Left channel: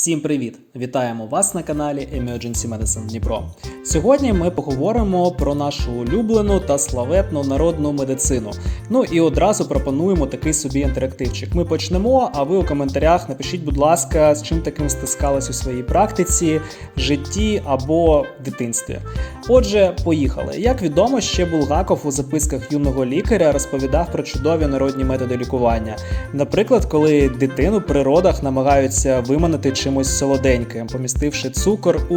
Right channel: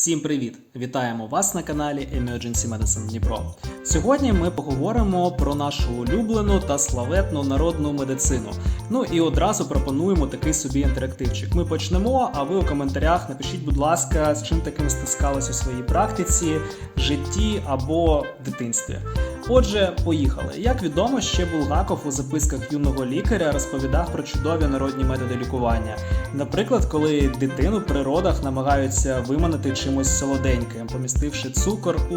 Всім привіт! Вітаємо вас на каналі Emergency Medicine Дніпро. Сьогодні ми поговоримо про нашу улюблену та славетну народну медицину. Ну і одразу пропонуємо такий собі інтерактивчик. Ми почнемо, а ви у коментарях напишіть, будь ласка, з чим таким стискались у своїй практиці, житті або дитинстві. Отже, поїхали. Як відомо, ще Булгаков у записках юного лікаря розповідав про чудові народні методи лікування. Наприклад, коли дитину при родах намагаються виманити чимось солоденьким, помістивши цукор у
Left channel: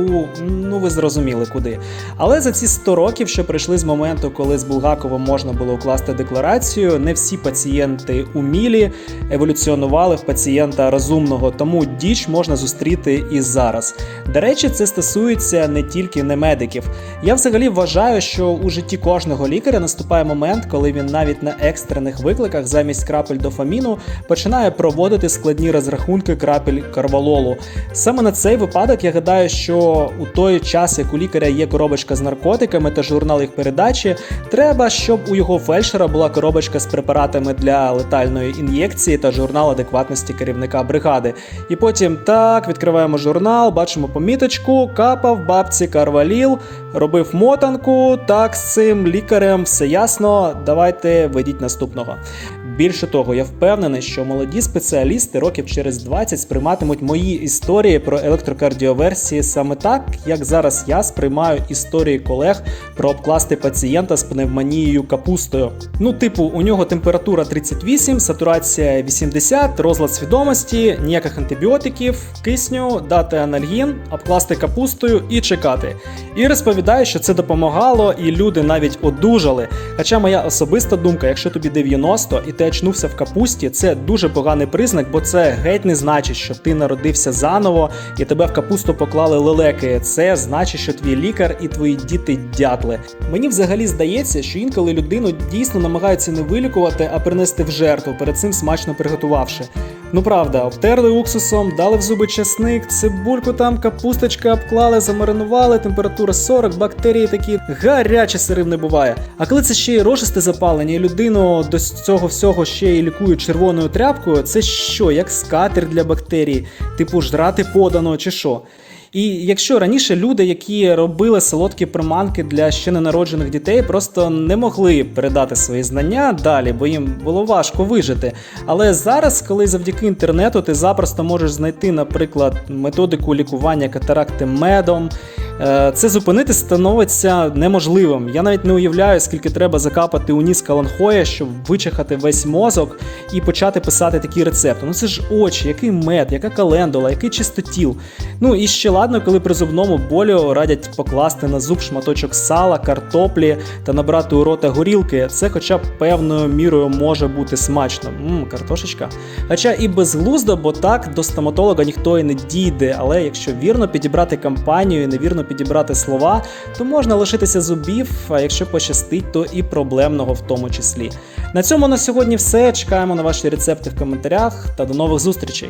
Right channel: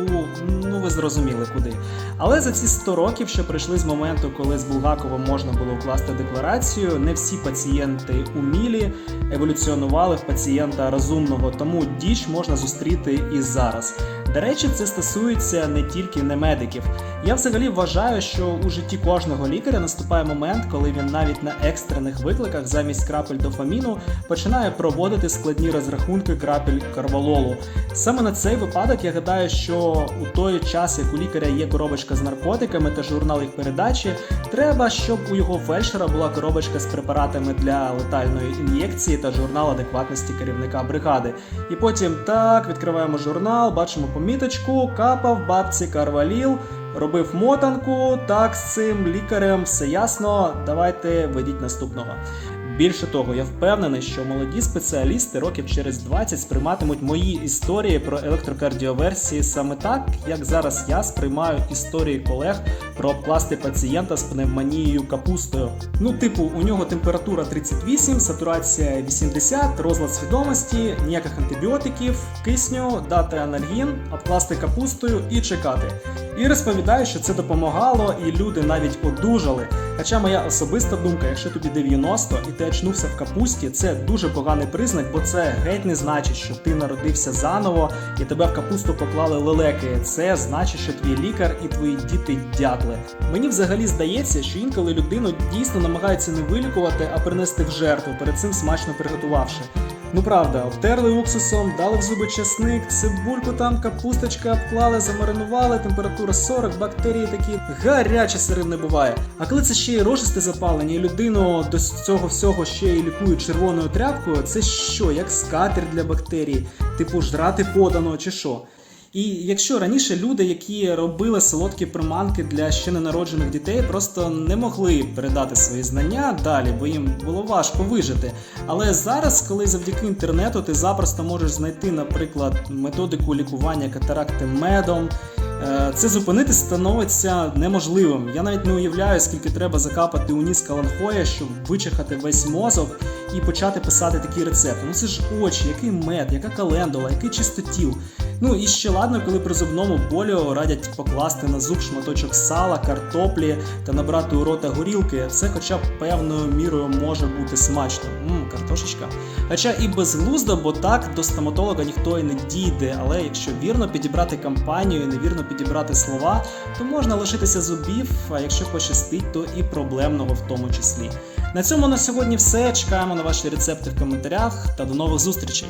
ну ви зрозуміли куди. Але за ці 100 років, що прийшли з моменту, коли з Булгаковим можна було укласти декларацію, не всі пацієнти умілі еволюціонували в пацієнта розумного, тому діч можна зустріти і зараз. До речі, це стосується не тільки немедиків. Я взагалі вважаю, що у житті кожного лікаря наступає момент, коли він навіть на екстрених викликах замість крапель дофаміну починає проводити складні розрахунки крапель карвалолу. Саме на цей випадок я гадаю, що у той час, як у лікаря є коробочка з наркотиками та журнал їх передачі, треба, щоб у його фельдшера була коробочка з препаратами для летальної ін'єкції та журнал адекватності керівника бригади. І потім так відкриваємо журнал, бачимо поміточку, капав бабці Карваліл, робив мотанку. Так, з цим лікарем все ясно. Давайте ведіть наступного. Більше того, я впевнений, що молоді спеціалісти років через 20 сприйматимуть мої історії про електрокардіоверсії саме так, як зараз я сприймаю історії колег про обкласти пацієнта з пневмонією капустою. Ну, типу, у нього температура 38, сатурація 80, розлад свідомості, ніяких антибіотиків, кисню, дати анальгін, обкласти капустою і чекати. І розповідаю, що це допомагало, і люди навіть одужали. Хоча моя особиста думка, якщо тобі 90 і ти очнувся в капусті, це дуже поганий признак, бо це геть не значить, що ти народився заново і тебе в капусту поклали лелеки. Це значить, що твій лікар і твої діти дятли. Мені взагалі здається, що інколи людину дійсно намагаються не вилікувати, а принести в жертву, перед цим смачно приготувавши. Ну правда, обтерли уксусом, дали в зуби часник, цибульку там, капусточка обклали, замаринували, температура 40, бактерії такі гаряче сирим не буває. А коли це ще й рожисте запалення, і людину до цього всього ще й лікують червоною тряпкою, це що, як скатер для бактерій, типу жрати подано чи що? І якщо раніше люди, які робили солодкі приманки для ще ненароджених дітей, просто не могли передати свої знання далі, бо їм було важко вижити. Але зараз, коли завдяки інтернету ти запросто можеш знайти, наприклад, методику лікування катаракти медом. е, Це зупинити становиться неможливим. Я навіть не уявляю, скільки треба закапати у ніс каланхоя, щоб вичахати весь мозок і почати писати такі рецепти. Ну це ж очі, який мед, яка календула, який чистотіл. Ну і ще ладно, коли при зубному болю радять покласти на зуб шматочок сала, картоплі та набрати у рота горілки. Це хоча б певною мірою може бути смачно. Мм, картошечка. Хоча і безглуздо, бо так до стоматолога ніхто і не дійде. Але якщо вірно підібрати кампанію невірно підібрати слова, то можна лишитися зубів, а якщо пощастить, то і проблемного в тому числі. На цьому на сьогодні все. Чекаємо на ваші рецепти в коментарях та до нових зустрічей.